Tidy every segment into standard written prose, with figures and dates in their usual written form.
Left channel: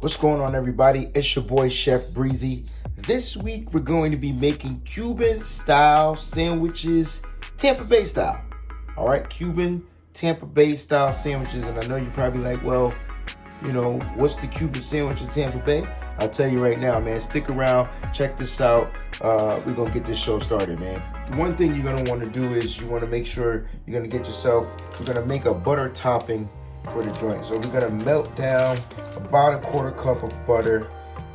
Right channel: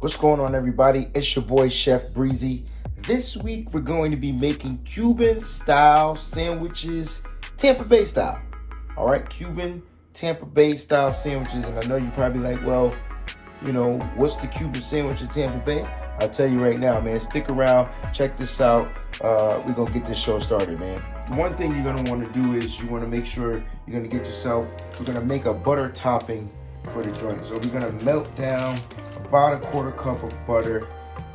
What's going on, everybody? It's your boy Chef Breezie. This week we're going to be making Cuban style sandwiches, Tampa Bay style. All right, Cuban Tampa Bay style sandwiches. And I know you're probably like, well, you know, what's the Cuban sandwich in Tampa Bay? I'll tell you right now, man. Stick around, check this out. We're gonna get this show started, man. One thing you're gonna want to do is you want to make sure you're gonna get yourself. We're gonna make a butter topping for the joint. So we're gonna melt down about a quarter cup of butter.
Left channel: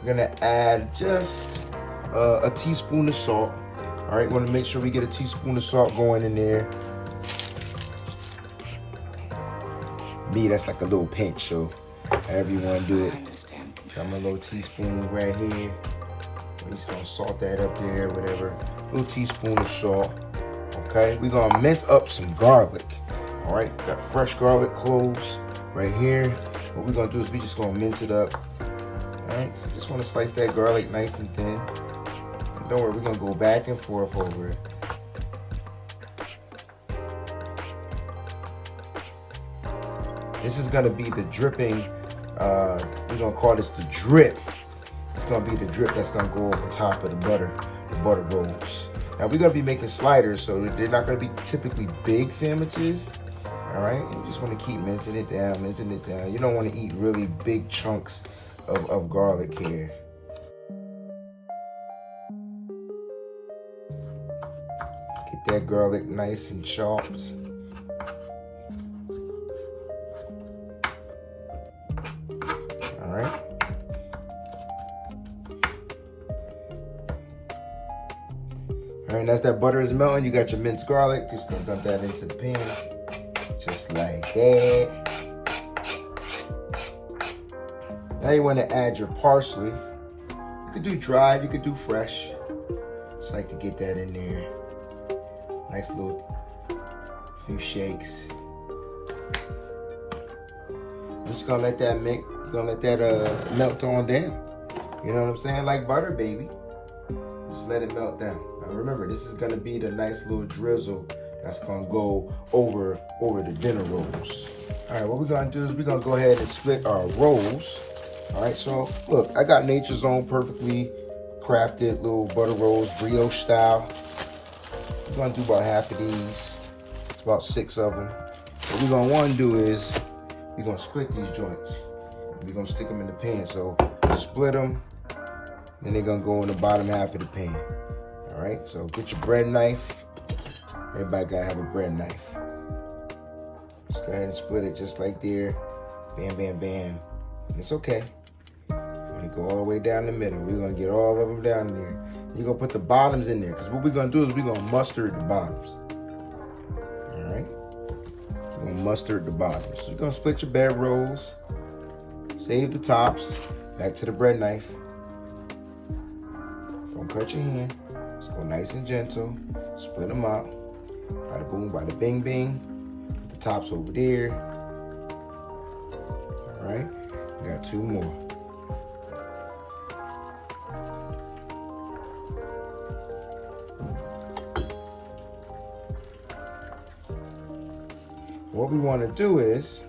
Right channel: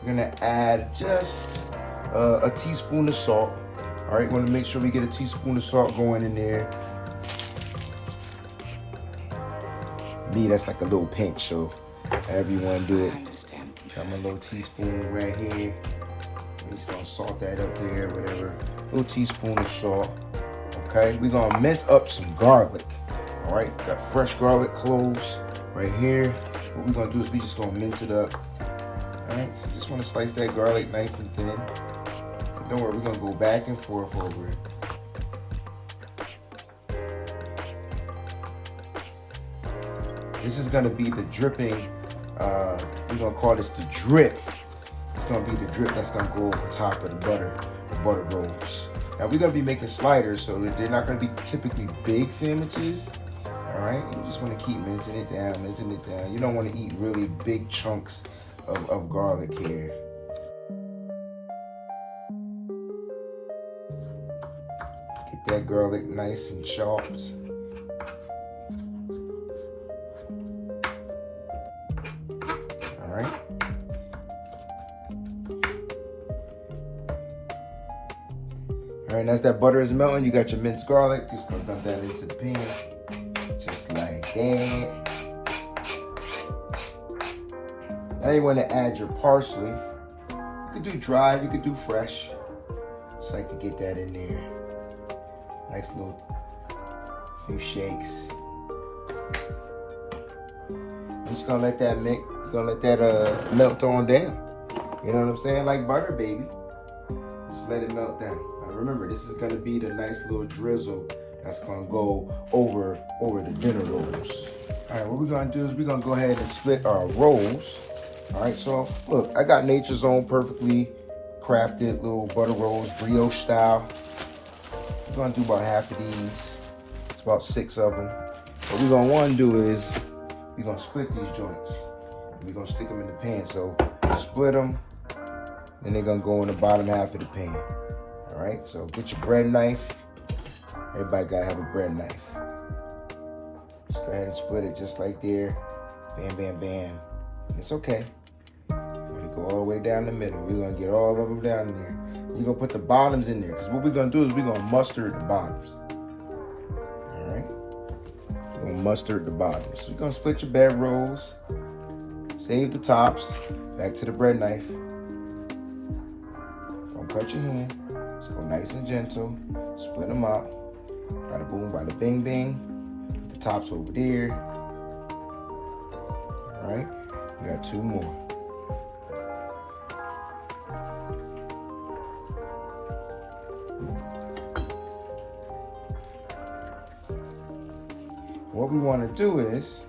We're gonna add just a teaspoon of salt. All right, we want to make sure we get a teaspoon of salt going in there. Me, that's like a little pinch, so however you want to do it. Got my little teaspoon right here. I'm just gonna salt that up there, whatever. Little teaspoon of salt. Okay, we're gonna mince up some garlic. All right, got fresh garlic cloves right here. What we're gonna do is we just gonna mince it up. All right, so just wanna slice that garlic nice and thin. And don't worry, we're gonna go back and forth over it. This is gonna be the dripping. We're gonna call this the drip. It's gonna be the drip that's gonna go over top of the butter rolls. Now we're gonna be making sliders, so they're not gonna be typically big sandwiches. All right, you just want to keep mincing it down, mincing it down. You don't want to eat really big chunks of garlic here. Get that garlic nice and chopped. All right. All right, and as that butter is melting, you got your minced garlic. Just gonna dump that into the pan. Just like that. Now you want to add your parsley. You could do dried, you could do fresh. Just like to get that in there. Nice little few shakes. I'm just gonna let that mix. Gonna let that melt on down. You know what I'm saying? Like butter, baby. Just let it melt down. Now remember, this is gonna be the nice little drizzle that's gonna go over the dinner rolls. All right, what we're gonna do is we're gonna go ahead and split our rolls. All right, so look, I got Nature's Own perfectly crafted little butter rolls, brioche style. We're gonna do about half of these. It's about 6 of them. What we're gonna wanna do is we're gonna split these joints. We're gonna stick them in the pan. So split them, and they're gonna go in the bottom half of the pan. All right, so get your bread knife. Everybody gotta have a bread knife. Just go ahead and split it just like there. Bam, bam, bam. And it's okay. We're gonna go all the way down the middle. We're gonna get all of them down there. You're gonna put the bottoms in there, because what we're gonna do is we're gonna mustard the bottoms. All right? We're gonna mustard the bottoms. So you're gonna split your bread rolls. Save the tops. Back to the bread knife. Don't cut your hand. Just go nice and gentle. Split them up. Bada boom, bada bing, bing. Put the tops over there. All right. We got 2 more. What we want to do is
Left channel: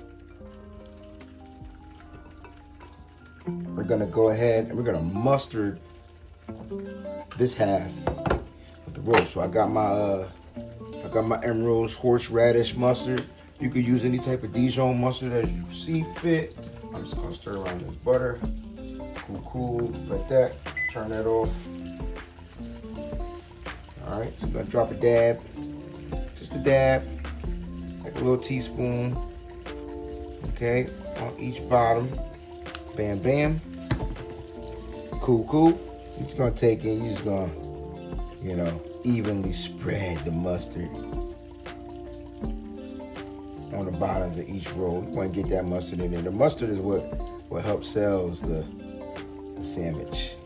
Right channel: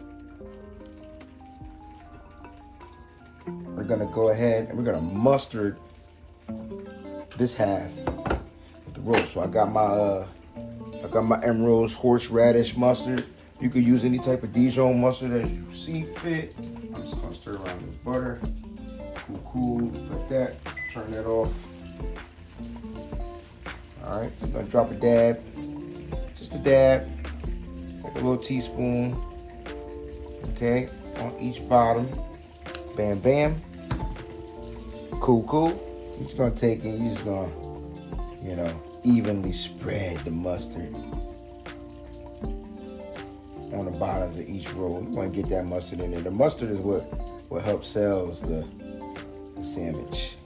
we're gonna go ahead and we're gonna mustard this half of the roast. So I got my Emerald's horseradish mustard. You could use any type of Dijon mustard as you see fit. I'm just gonna stir around this butter. Cool, like that. Turn that off. All right, I'm gonna drop a dab, just a dab, like a little teaspoon. Okay, on each bottom. Bam, bam. Cool. You're just gonna take it, you're just gonna, you know, evenly spread the mustard on the bottoms of each roll. You wanna get that mustard in there. The mustard is what helps sells the sandwich.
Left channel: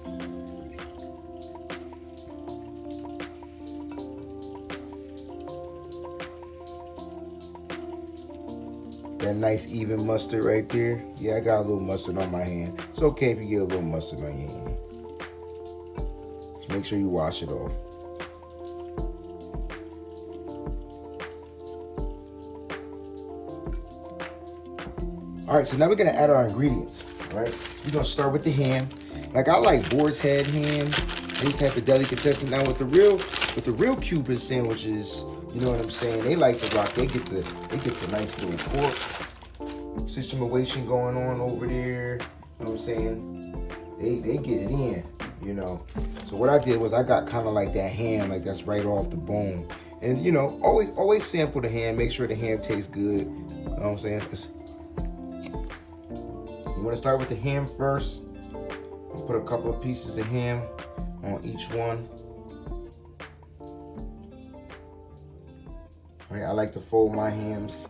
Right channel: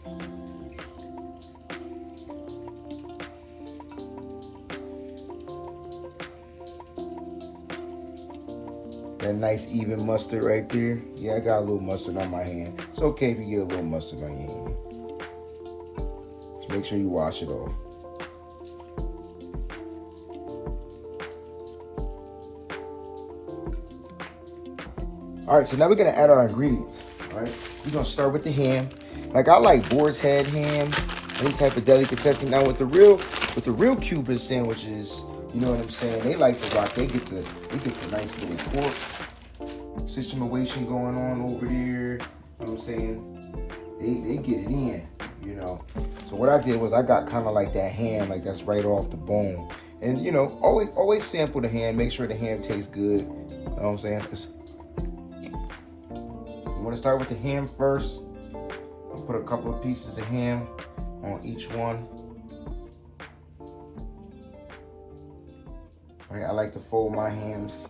That nice even mustard right there. Yeah, I got a little mustard on my hand. It's okay if you get a little mustard on your hand. Just make sure you wash it off. All right, so now we're gonna add our ingredients, all right? We're gonna start with the ham. Like, I like boar's head ham, any type of delicatessen. Now with the real Cuban sandwiches, you know what I'm saying? They like to rock. They get the nice little pork situation going on over there. You know what I'm saying? They get it in, you know. So what I did was I got kind of like that ham, like that's right off the bone. And you know, always sample the ham. Make sure the ham tastes good. You know what I'm saying? You want to start with the ham first. I'll put a couple of pieces of ham on each one. All right, I like to fold my hams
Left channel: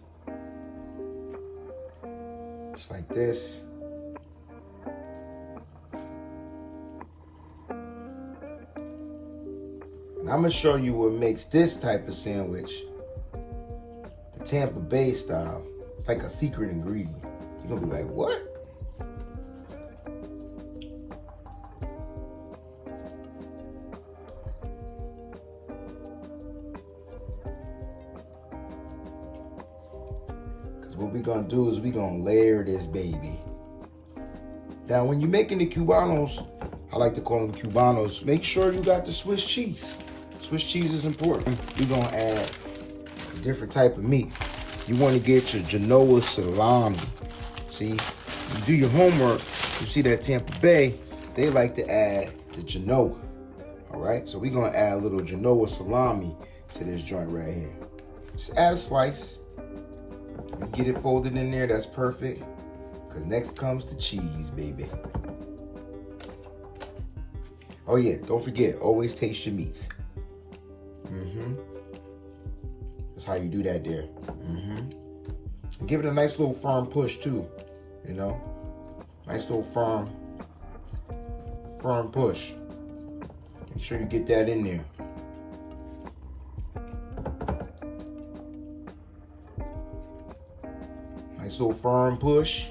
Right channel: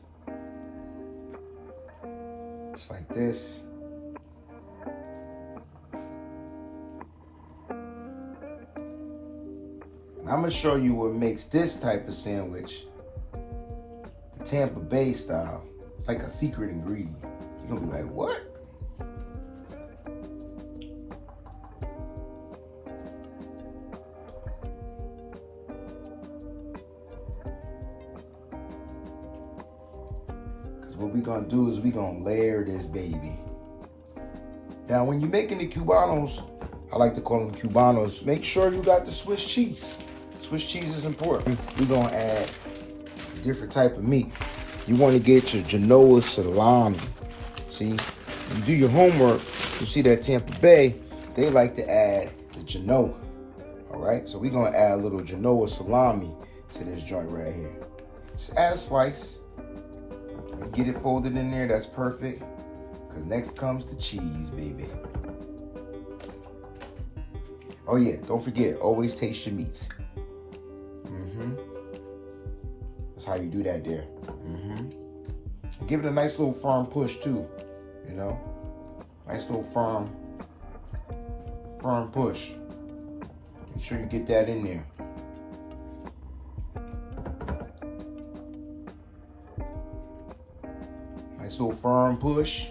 just like this. And I'm gonna show you what makes this type of sandwich the Tampa Bay style. It's like a secret ingredient. You're gonna be like, what? What we're gonna do is we're gonna layer this baby. Now, when you're making the Cubanos, I like to call them Cubanos, make sure you got the Swiss cheese. Swiss cheese is important. We're gonna add a different type of meat. You wanna get your Genoa salami. See, when you do your homework, you see that Tampa Bay, they like to add the Genoa. All right, so we're gonna add a little Genoa salami to this joint right here. Just add a slice. Get it folded in there, that's perfect. Cause next comes the cheese, baby. Oh yeah, don't forget, always taste your meats. That's how you do that there. Give it a nice little firm push too, you know? Nice little firm push. Make sure you get that in there. Nice little firm push.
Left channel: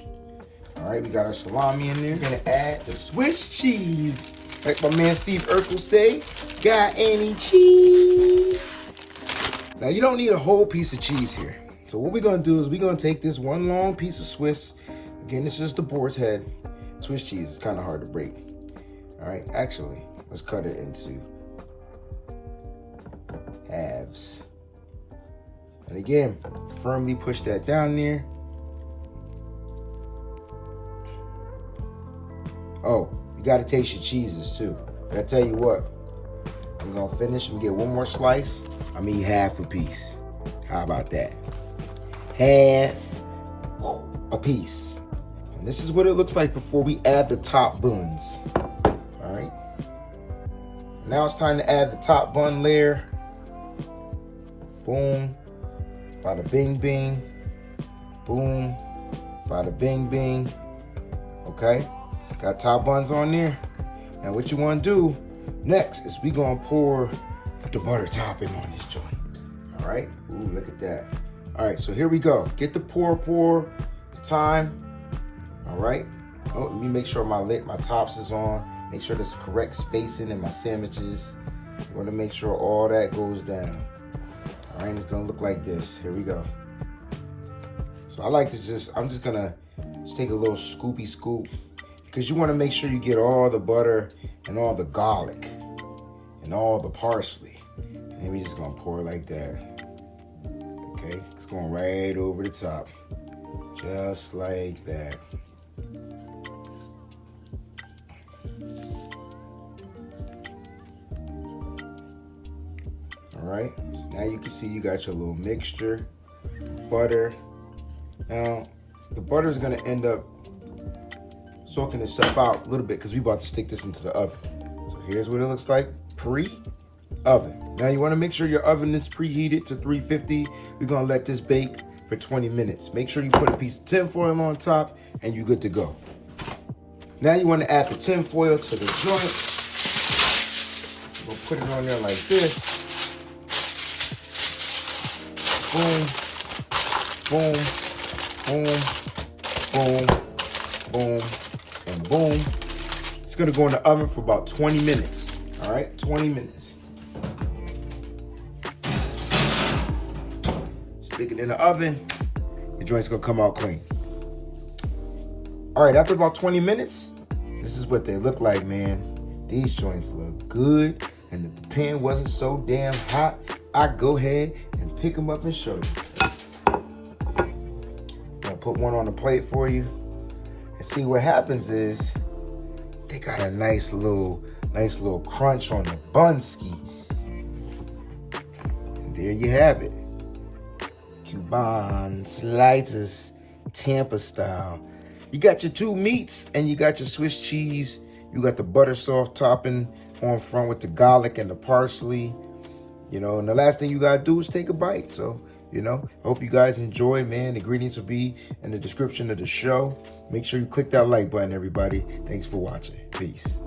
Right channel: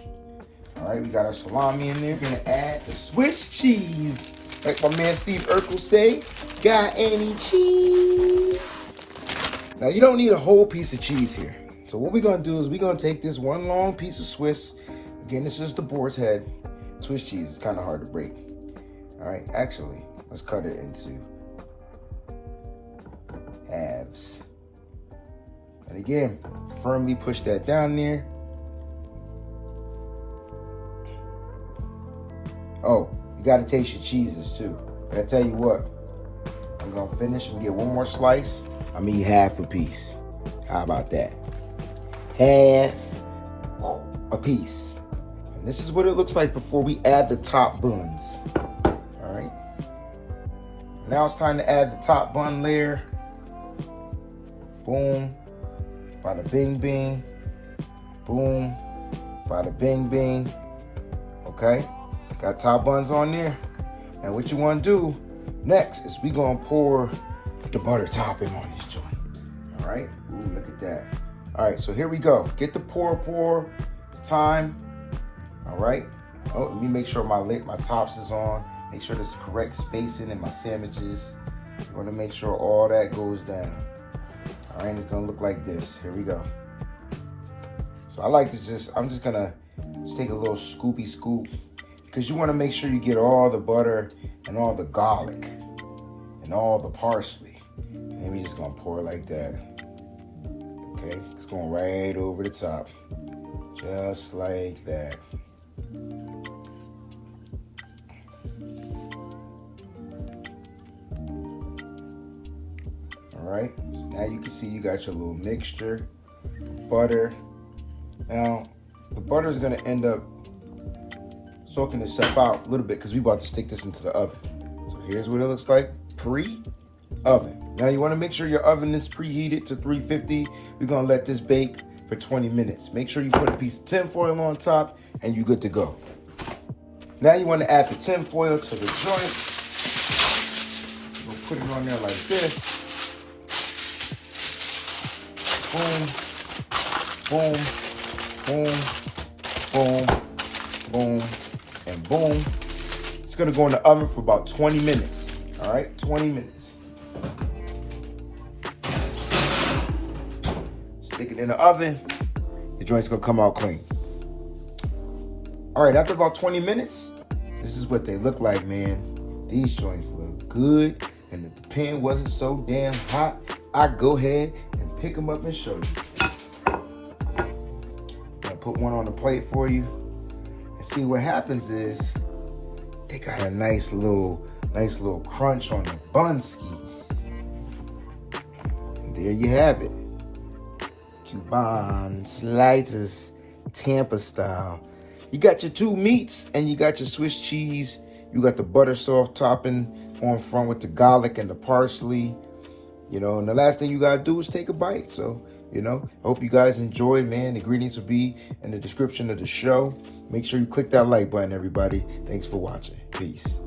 All right, we got our salami in there. We're gonna add the Swiss cheese. Like my man Steve Urkel say, got any cheese? Now you don't need a whole piece of cheese here. So what we're gonna do is we're gonna take this one long piece of Swiss. Again, this is the boar's head. Swiss cheese is kind of hard to break. All right, actually, let's cut it into halves. And again, firmly push that down there. Oh, you gotta taste your cheeses too. I tell you what, I'm gonna finish and get one more slice. I mean half a piece. How about that? Half a piece. And this is what it looks like before we add the top buns. All right. Now it's time to add the top bun layer. Boom. Bada bing bing. Boom. Bada bing bing. Okay. Got top buns on there. And what you want to do next is we gonna pour the butter topping on this joint. All right. Ooh, look at that. All right, so here we go. Get the pour time. All right. Oh, let me make sure my tops is on. Make sure there's correct spacing in my sandwiches. You want to make sure all that goes down. All right, it's gonna look like this. Here we go. So I like to I'm just gonna take a little scoopy scoop, because you want to make sure you get all the butter and all the garlic and all the parsley. And then we just gonna pour it like that. Okay, it's going right over the top, just like that. All right, so now you can see you got your little mixture, butter. Now, the butter is gonna end up soaking itself out a little bit because we about to stick this into the oven. So here's what it looks like pre-oven. Now you want to make sure your oven is preheated to 350. We're gonna let this bake for 20 minutes. Make sure you put a piece of tin foil on top and you're good to go. Now you want to add the tin foil to the joint. We'll put it on there like this. Boom, boom, boom, boom, and boom. It's gonna go in the oven for about 20 minutes. All right, 20 minutes. Stick it in the oven. The joint's gonna come out clean. All right, after about 20 minutes, This is what they look like, man. These joints look good. And if the pan wasn't so damn hot, I'd go ahead and pick them up and show you. I'll put one on the plate for you. And see what happens is they got a nice little crunch on the bunski. And there you have it. Cuban Sliders, Tampa style. You got your two meats and you got your Swiss cheese. You got the butter soft topping on front with the garlic and the parsley. You know, and the last thing you gotta do is take a bite. So, you know, I hope you guys enjoy, man. The ingredients will be in the description of the show. Make sure you click that like button, everybody. Thanks for watching. Peace.